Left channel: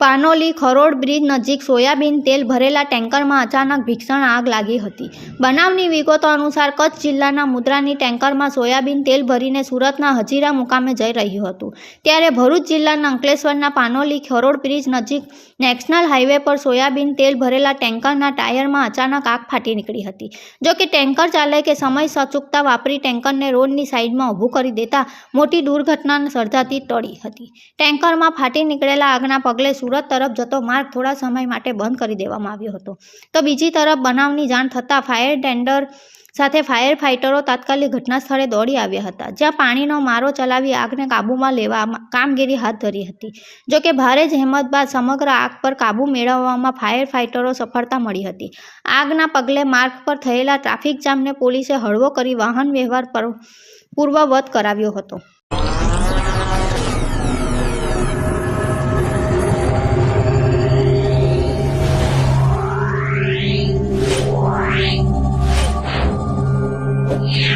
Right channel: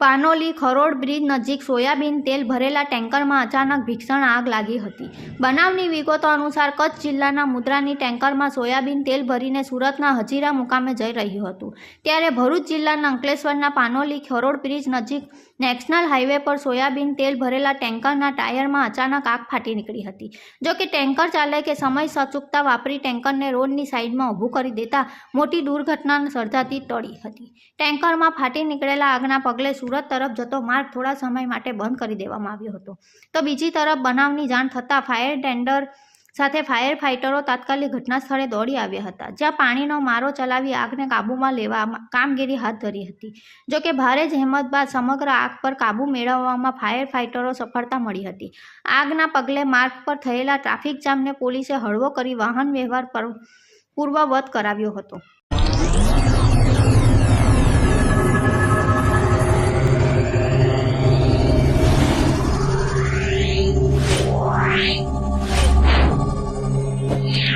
Panoli Kharod bridge નજીક soybean તેલ ભરેલા ટેન્કરમાં અચાનક ભીષણ આગ લાગી હતી। બનાવની વિગતો અનુસાર કચ્છ જિલ્લાના મુદ્રાની ટેન્કરમાં સોયાબીન તેલ ભરીને સુરતના હજીરા મુકામે જઈ રહ્યું હતું, ત્યારે ભરૂચ જિલ્લાના અંકલેશ્વરના પાનોલી ખરોડ બ્રિજ નજીક નેશનલ હાઈવે પર સોયાબીન તેલ ભરેલા ટેન્કરના ટાયરમાં અચાનક આગ ફાટી નીકળી હતી। જોકે ટેન્કર ચાલકે સમય સચૂકતા વાપરી ટેન્કરને રોડની સાઈડમાં ઊભું કરી દેતા મોટી દુર્ઘટના સર્જાતી ટળી હતી। ટેન્કરમાં ફાટી નીકળેલા આગના પગલે સુરત તરફ જતો માર્ગ થોડા સમય માટે બંધ કરી દેવામાં આવ્યો હતો, તો બીજી તરફ બનાવની જાણ થતાં ફાયર ટેન્ડર સાથે ફાયર ફાઇટરો તાત્કાલિક ઘટના સ્થળે દોડી આવ્યા હતા, જ્યાં પાણીનો મારો ચલાવી આગને કાબૂમાં લેવા કામગીરી હાથ ધરી હતી। જોકે ભારે જહેમત બાદ સમગ્ર આગ પર કાબૂ મેળવવામાં ફાયર ફાઇટરો સફળતા મળી હતી। આગના પગલે માર્ગ પર થયેલા ટ્રાફિક જામને પોલીસે હળવો કરી વાહન વ્યવહાર પૂર્વવત કરાવ્યો હતો। Yeah.